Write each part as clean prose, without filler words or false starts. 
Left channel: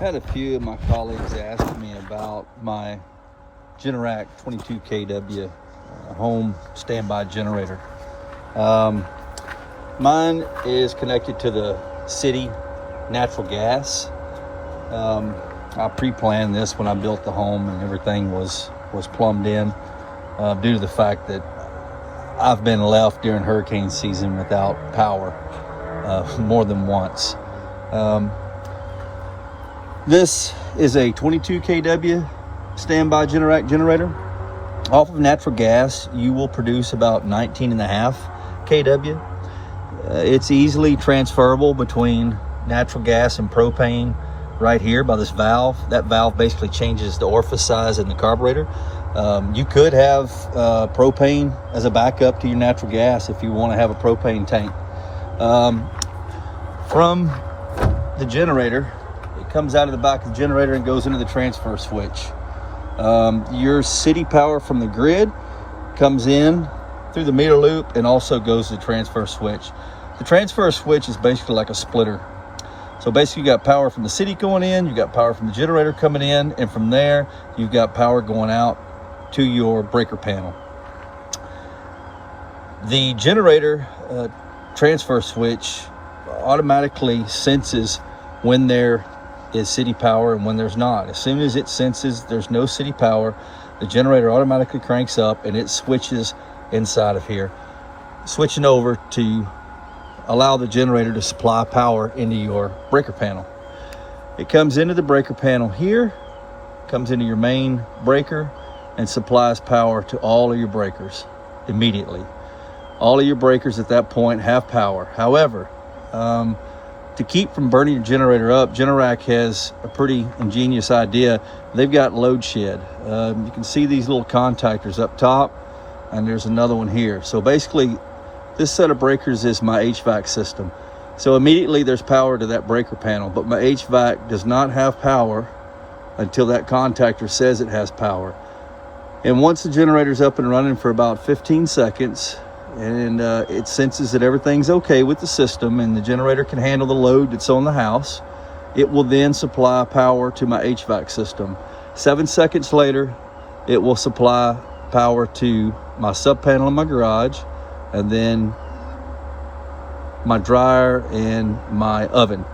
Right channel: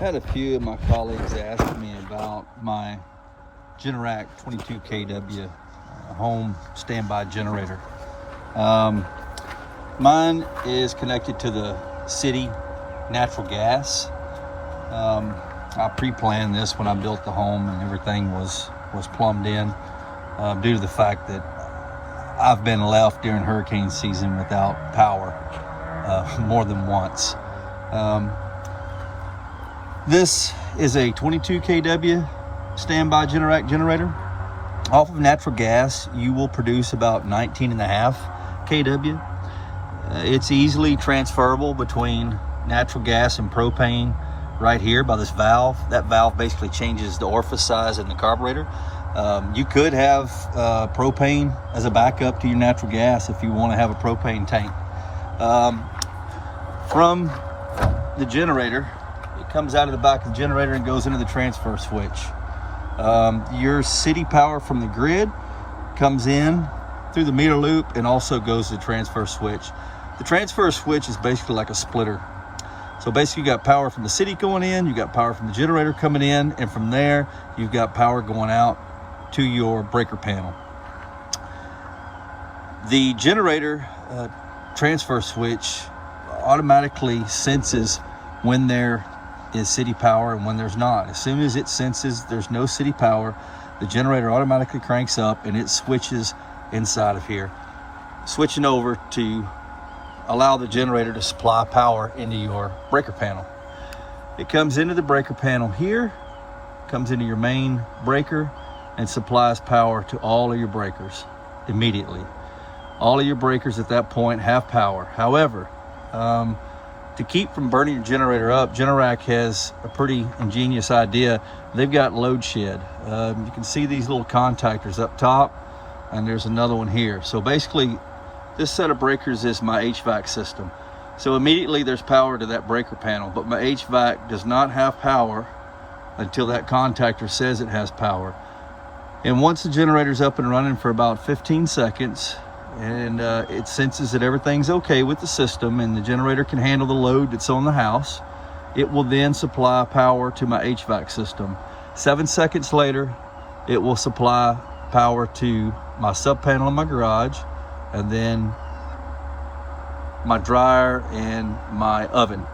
Had a few of my colleagues ask me about my Generac 22 kW home standby generator. Mine is connected to the city natural gas. I pre-planned this when I built the home, and everything was plumbed in due to the fact that I've been left during hurricane season without power more than once. This is a 22 kW standby Generac generator. Off of natural gas, you will produce about 19.5 kW. It's easily transferable between natural gas and propane right here by this valve. That valve basically changes the orifice size in the carburetor. You could have propane as a backup to your natural gas if you want to have a propane tank. From the generator, it comes out of the back of the generator and goes into the transfer switch. Your city power from the grid comes in through the meter loop and also goes to the transfer switch. The transfer switch is basically like a splitter. So basically you got power from the city going in, you got power from the generator coming in, and from there you've got power going out to your breaker panel. The generator transfer switch automatically senses when there is city power and when there's not. As soon as it senses there's no city power, the generator automatically cranks up and it switches inside of here, switching over to allow the generator to supply power into your breaker panel. It comes into the breaker panel here, comes into your main breaker, and supplies power to all of your breakers immediately. All of your breakers at that point have power. However, to keep from burning your generator up, Generac has a pretty ingenious idea. They've got load shed. You can see these little contactors up top, and there's another one here. So basically, this set of breakers is my HVAC system. So immediately there's power to that breaker panel, but my HVAC does not have power until that contactor says it has power. And once the generator's up and running for about 15 seconds, and it senses that everything's okay with the system and the generator can handle the load that's on the house, it will then supply power to my HVAC system. 7 seconds later, it will supply power to my sub panel in my garage, and then my dryer and my oven.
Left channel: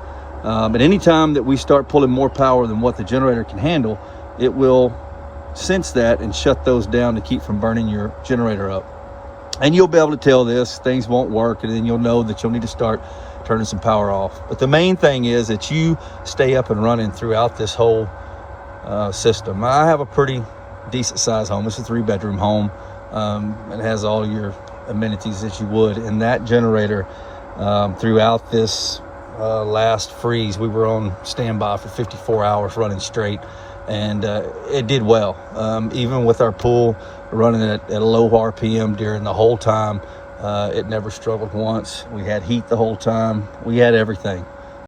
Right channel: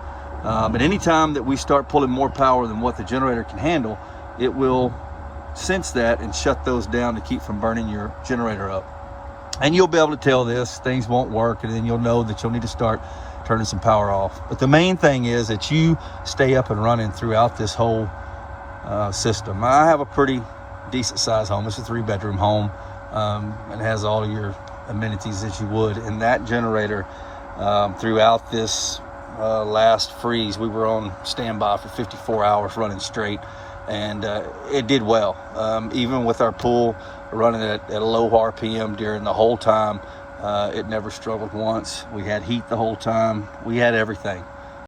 At any time that we start pulling more power than what the generator can handle, it will sense that and shut those down to keep from burning your generator up. And you'll be able to tell this, things won't work, and then you'll know that you'll need to start turning some power off. But the main thing is that you stay up and running throughout this whole system. I have a pretty decent sized home. It's a 3-bedroom home. It has all your amenities that you would. And that generator, throughout this last freeze, we were on standby for 54 hours running straight, and it did well. Even with our pool running at a low RPM during the whole time, it never struggled once. We had heat the whole time. We had everything.